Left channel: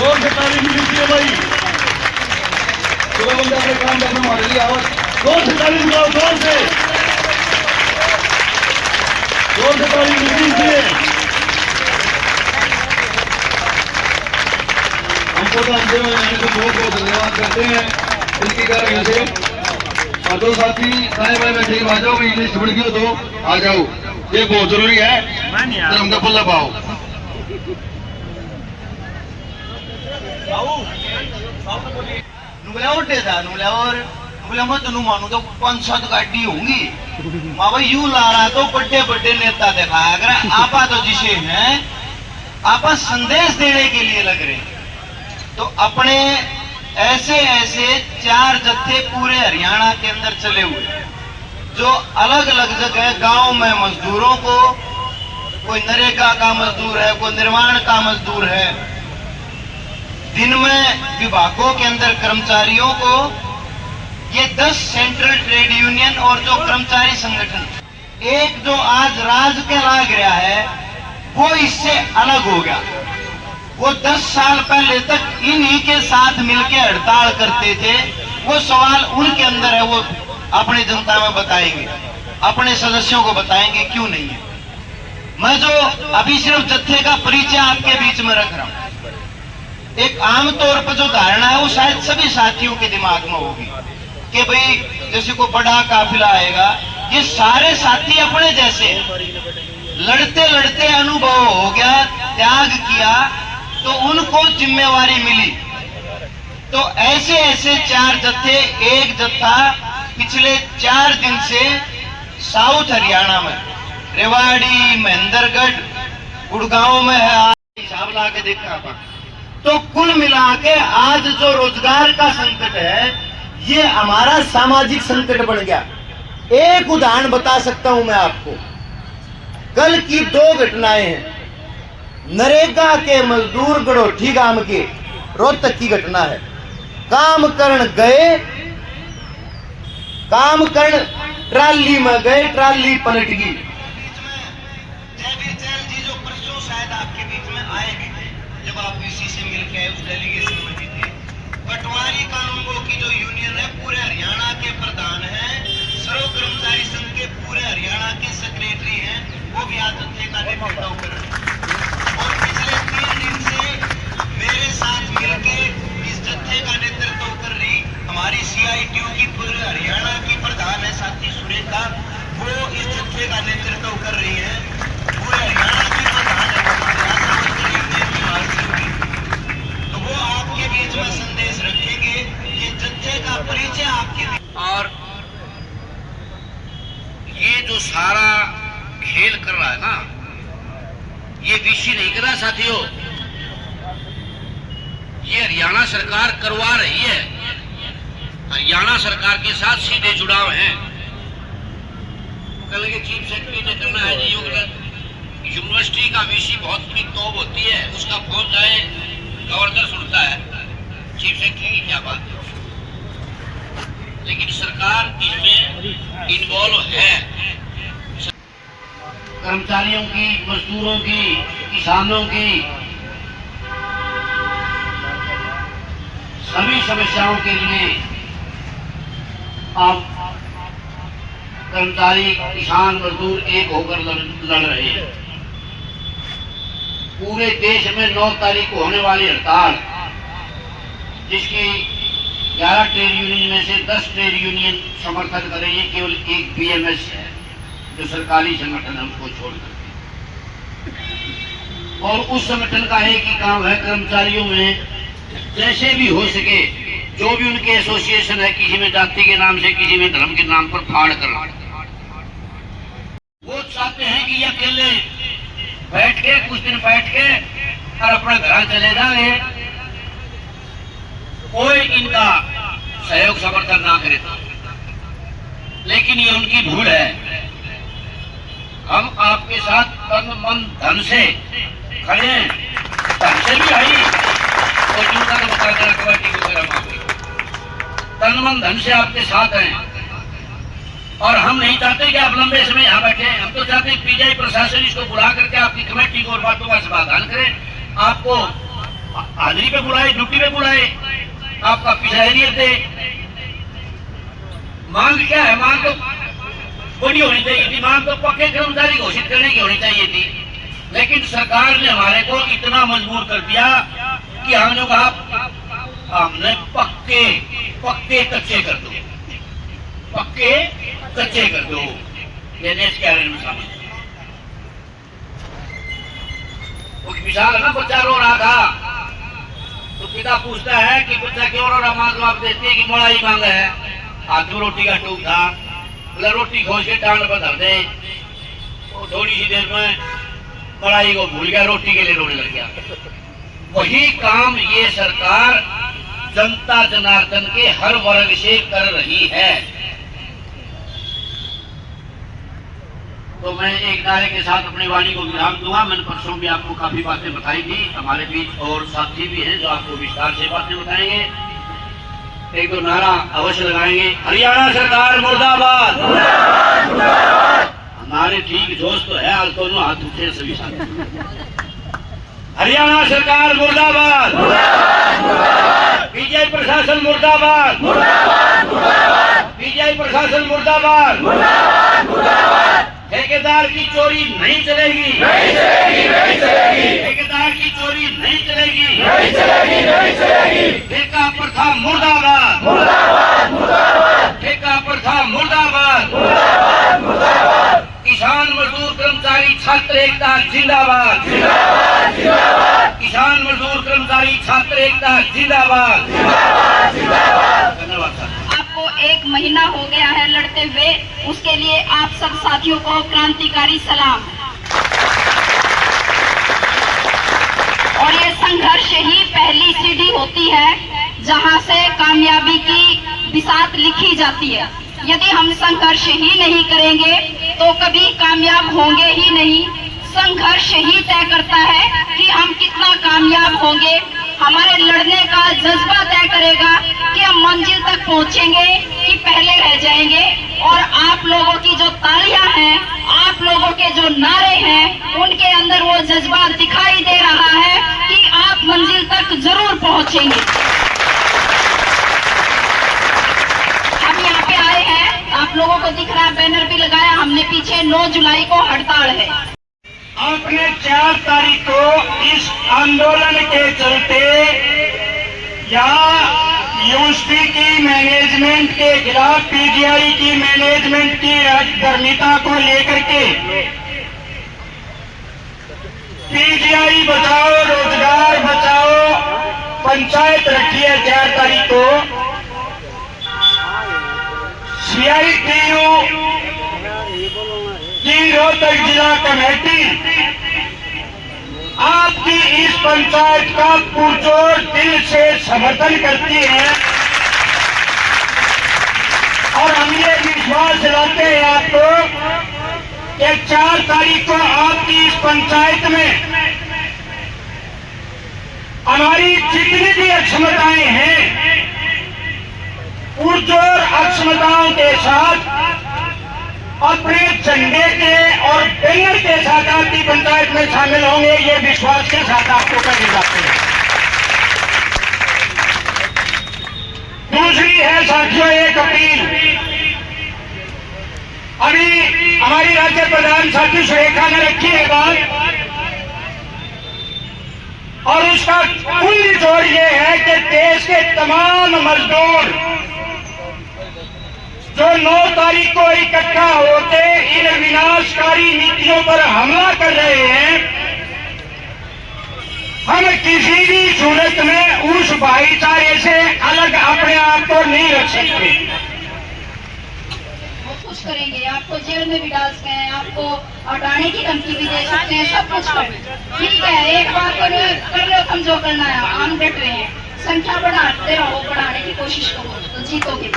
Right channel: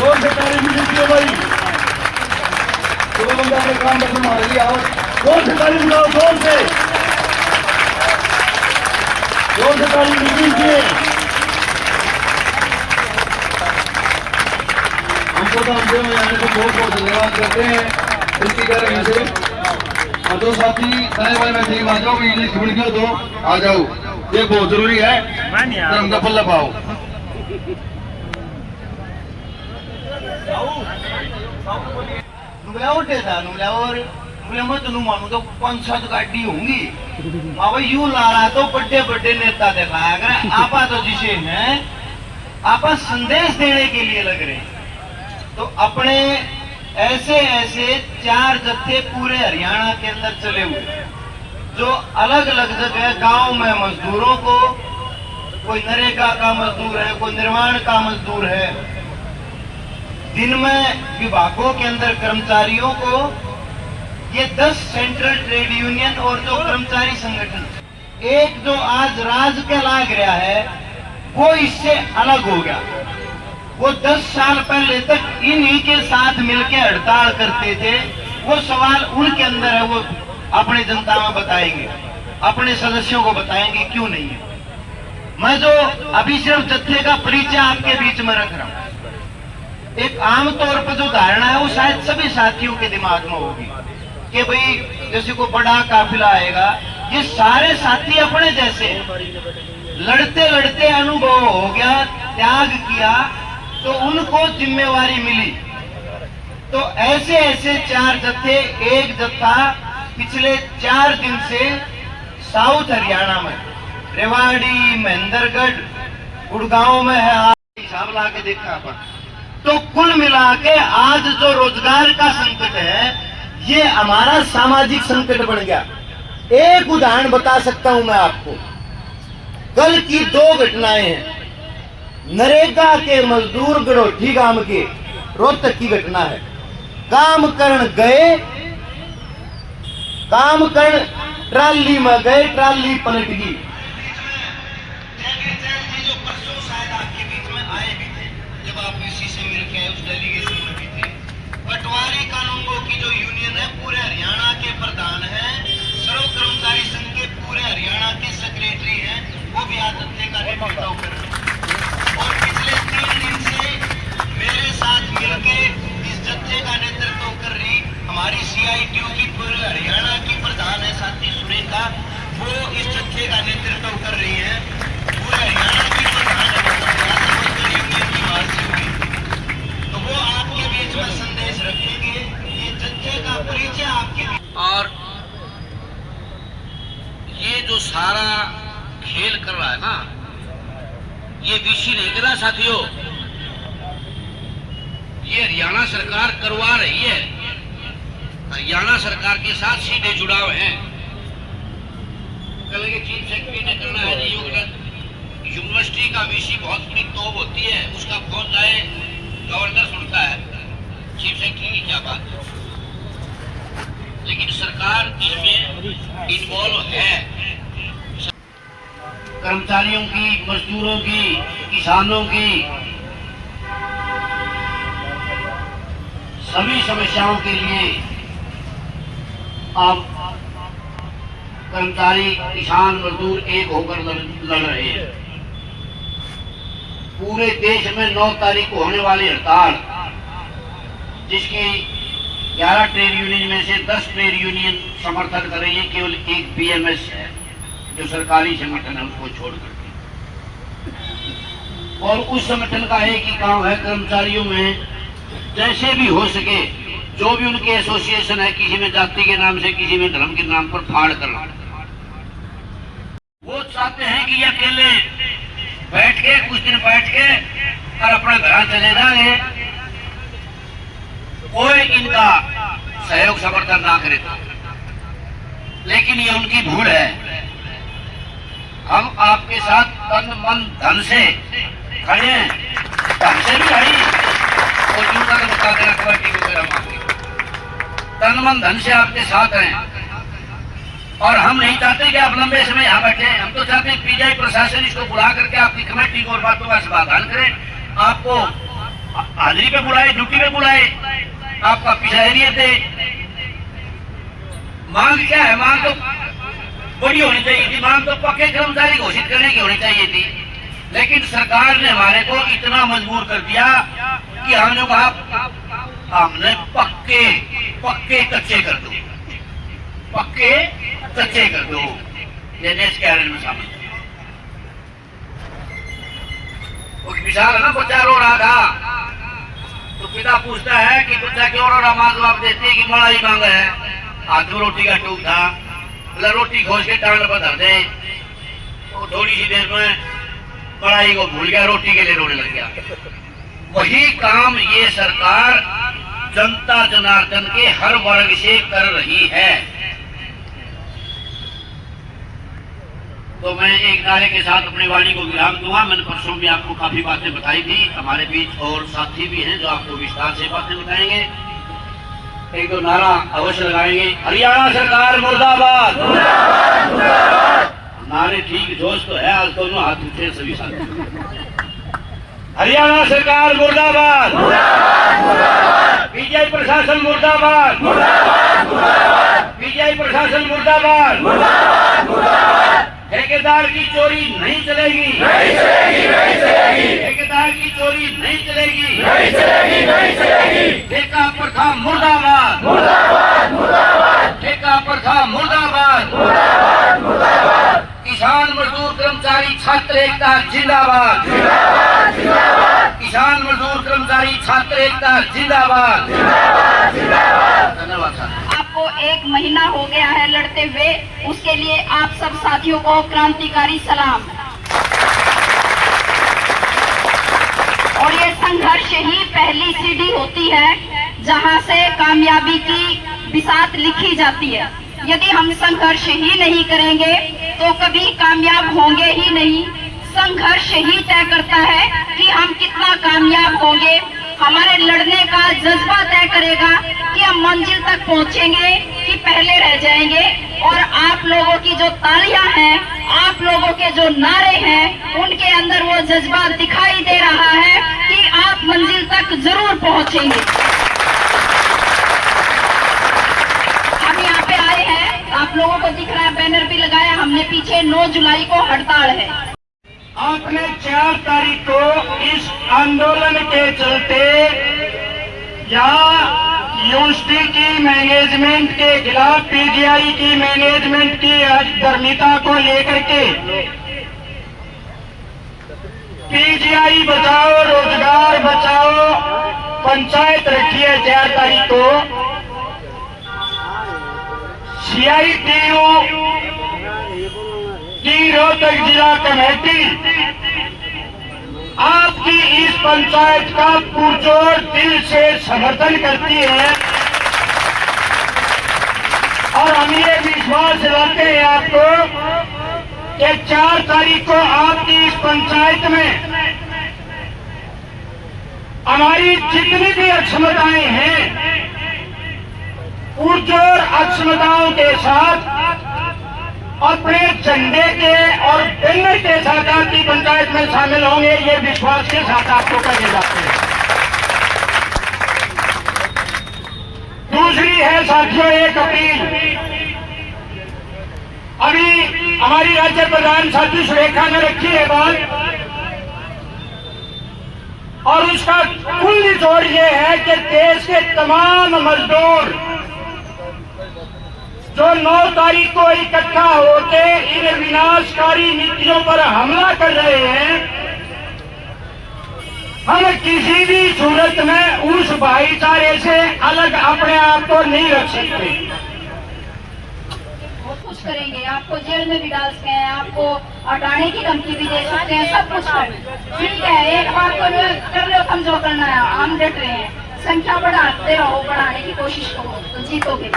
जोर से ताली मिली चाहिए भाई। चलो बंदे अपने काम करने हमारे लिए आओ, जोर से ताली मिलाओ, जोर से ताली मिलनी चाहिए। हमको तो हमसे आने को बहुत बहुत धन्यवाद करते हैं इसकी कारण से। और जो साथी नए भाई में ठीक आ जाओ, मैं इंग्लिश बढ़ दियो तो आ जाओ, ये बहुत जरूरी है, धर्म का पल्ला पाओ। मानू तो 5-7 गाड़ी होंगी भाई, यूं ला रहा है तो बड़े बड़े नेता दिखाया कर। आपा तो जिसे हैं आपा संदेश देने के लिए लग रहे हैं। तो अपने ऐसे ऐसे 4 जत्थे पूरे हरियाणा के अंदर चले हुए, जो अलग अलग जगह गांव में मजदूरों को, कोई नरेगा का मजदूर है, कोई निर्माण का मजदूर है, दिन में विभागों के अंदर कर्मचारियों को, ये 10 सेंट्रल ट्रेड यूनियन और जो कर्मचारी संगठन, एक जो आज राज के लाग रहा है वो इससे अलग हो गया। वो 10 साल पहले तक इन्हीं के साथ मिलकर हड़ताल करते थे। वो सवाल उनके अंदर है, वो अपनी जनता में बताएंगे, अपने सदस्यों को बताएंगे क्यों नहीं है। मैं जो अभी सिर्फ जत्थे का परिचय आपके बीच में रख रहा हूं, एक आमतौर पर जो धारणा है वो शायद सभी साथियों के दिमाग में होगी कि भाई जैसे को बड़ा काफिला आएगा, ये सारे साथी अपने जैसे, लड़ते लड़ते अनुभव हो गया, त्याग किया तो उनको जिम्मेवारी मिली। तो ऐसे ऐसे 4 जत्थे, एक जत्था पिछले 4 दिन से साउथ हरियाणा में रेवाड़ी, महेंद्रगढ़, गुड़गांव में है, हिसाब ला के देखा अपन। तो कुल मिला के आज जो रोजगार का संकट है ये हमारा सामाजिक संकट बन गया। एक उदाहरण बता सकता हूं मैं आपको, कल की 2 घटनाएं हैं। नरेगा के मजदूर गड़ोठी गांव के रोहतक की घटना है। काम करण गए, काम करण ट्राली में गए, ट्राली पलट गई। जो परसों शायद आपके बीच में आए भी थे, जब आप इसी से मिलकर उस डेलीगेशन में भी थे। पटवारी कानूनगो की जो यूनियन है पूरे हरियाणा के प्रधान है, सर्व कर्मचारी संघ के पूरे हरियाणा के सेक्रेटरी हैं, वो भी आज जत्थे का नेतृत्व कर रहे हैं। और पिछले 3 दिन से मेरे साथ मिलकर इस जत्थे का नेतृत्व कर रही हमारी CITU की पूरे हरियाणा की प्रधान है साथी सुरेखा, वो इस जत्थे का नेतृत्व कर रही है। पूरे हरियाणा की प्रधान है यूनियन की मार्ची हुई, तो वो आपके बीच में संदेश रखेंगे, ये जत्थे का परिचय आपके बीच। और ये जो सारा खेल कर रहा है ना, ये विषय नहीं कर रहा साथियों, ये हरियाणा सरकार करवा रही है। हरियाणा सरकार के साथ सीधे जुड़ाव है। कल के चीफ सेक्रेटरी ने करना है यूनिवर्सिटी का विषय बहुत की तोब होती है, उसका फोन जाए गवर्नर सुनता है, चीफ सेक्रेटरी की क्या बात है। लेकिन सरकार इसमें इन्वॉल्व है। कर्मचारियों की, मजदूरों की, किसानों की सभी समस्याओं के लिए आप कर्मचारी, किसान, मजदूर एक होकर लड़ रहे हैं। पूरे देश में 9 तारीख को होने वाली हड़ताल, जिसकी 11 ट्रेड यूनियन में से 10 ट्रेड यूनियन समर्थन कर रही है, केवल एक BMS है जो सरकारी संगठन है उसको छोड़ करके। और उस संगठन का एक ही काम है, कर्मचारियों में जैसे भी हो सके जो भी उनके एसोसिएशन है, किसी में जाति के नाम से, किसी में धर्म के नाम पर फाड़ करना। वो चाहते हैं कि ये अकेले बैठ के कुछ दिन बैठ के और अपने घर चले जाए, कोई इनका सहयोग समर्थन ना करे। लेकिन ये उनकी भूल है। हम आपके साथ तन मन धन से खड़े हैं, ढंग से भी आई और जूता का बता देना कबड्डी को तन मन धन से आपके साथ हैं। और हम नहीं चाहते कि आप लंबे समय यहाँ बैठे, हम तो चाहते हैं PGI प्रशासन इसको बुला करके आपकी कमेटी को और बातों का समाधान करें। आपको हाजिरी पे बुलाए, ड्यूटी पे बुलाए, आपका पीछा ही नहीं थे। मांग क्या है? मांग तो बड़ी होनी चाहिए थी, मांग तो पक्के कर्मचारी घोषित करने की होनी चाहिए थी, लेकिन सरकार ने हमारे को इतना मजबूर कर दिया कि हमने कहा हमने पक्के पक्के कच्चे कर दो, पक्के कच्चे कर दो। ये नेक्स्ट कैरियर में शामिल वो विशाल है ना, बच्चा रो रहा था तो पिता पूछता है कि बच्चा क्यों रो रहा? मां जवाब देती है कि मलाई मांगा है, हाथ में रोटी का टूक था, मतलब रोटी खोज के टांग पर धर दे, तो थोड़ी सी देर में मलाई को भूल गया, रोटी के लिए रोने लग गया। वही काम ये सरकार जनता जनार्दन के हर वर्ग से कर रही है। तो मैं एक नारे के साथ अपनी वाणी को विराम दूंगा। मैंने परसों भी आपको काफी बातें बताई थी, हमारे बीच और साथी भी हैं जो आपको विस्तार से बातें बताएंगे। एक तो नारा अवश्य लगाएंगे, हरियाणा सरकार मुर्दाबाद। नारे ठीक जोश तो है, आज दोनों हाथ उठे सभी साथी। हरियाणा सरकार मुर्दाबाद, पीजीआई प्रशासन मुर्दाबाद, पीजीआई प्रशासन मुर्दाबाद। ठेकेदार की चोरी नहीं चलेगी, नहीं चलेगी, नहीं चलेगी। ठेकेदार की चोरी नहीं चलेगी, नहीं चलेगी, नहीं चलेगी। ठेका प्रथा मुर्दाबाद, मुर्दाबाद, मुर्दाबाद। ठेका प्रथा मुर्दाबाद, मुर्दाबाद, मुर्दाबाद। किसान मजदूर कर्मचारी छात्र एकता जिंदाबाद, जिंदाबाद, जिंदाबाद। किसान मजदूर कर्मचारी छात्र एकता जिंदाबाद, जिंदाबाद, जिंदाबाद। धन्यवाद सर। एक महीना हो गया है लड़ते हुए, उसके लिए आप सब साथियों को क्रांतिकारी सलाम। और ये संघर्ष ही पहली सीढ़ी होती है जहां से कामयाबी की बिसात लिखी जाती है। यदि हम संघर्ष ही नहीं करेंगे तो कभी कामयाब होंगे ही नहीं। संघर्ष ही तय करता है कि हम कितना कामयाब होंगे। हमारे लड़ने का जज्बा तय करेगा कि हम मंजिल तक पहुंचेंगे कि पहले रह जाएंगे। और आप लोगों की जो तालियां हैं, आप लोगों के जो नारे हैं, उनके अंदर वो जज्बा दिखाई दे रहा है कि आप मंजिल तक जरूर पहुंचेंगे। हम यहाँ पे आए हैं, आप लोगों को दिख रहा है, बैनर भी लगाया हमने पीछे, 9 जुलाई को हड़ताल है। आपने 4 तारीख को इस आंदोलन के चलते या यूनिवर्सिटी की मैनेजमेंट के खिलाफ पीजीआई की मैनेजमेंट की अधर्मिता को लेकर के पीजीआई बचाओ रोजगार बचाओ पंचायत रखी है 4 तारीख को। CITU की रोहतक जिला कमेटी आपकी इस पंचायत का पुरजोर दिल से समर्थन करती है और हम ये विश्वास दिलाते हैं आपको कि 4 तारीख को आपकी इस पंचायत में हमारी जितनी भी अक्षमताएं हैं, पुरजोर अक्षमताओं के साथ अपने झंडे के और बैनर के साथ आपकी पंचायत में शामिल होंगे, ये विश्वास के साथ आपको कहे जाते हैं। दूसरी है साथियों एक अपील। अभी हमारी राज्य प्रधान साथी सुरेखा ने रखी है बात, और उसका कुल निचोड़ ये है कि देश के तमाम मजदूर जो 9 तारीख को इकट्ठा होते इन विनाशकारी नीतियों पर हमला कर रहे हैं, हम किसी भी सूरत में उस भाईचारे से अलग अपने आप को नहीं रख सकते। वो कुछ करेंगे, आपको जेल में भी डाल सकते हैं, आपको हटाने की धमकी भी दे सकते हैं, सब कुछ करें। ठीक है, एक बार को कर लो, हम जो करना है, हम डट रहे हैं। संख्या बढ़ाते रहो, बढ़ाने की कोशिश करो तो जीतोगे।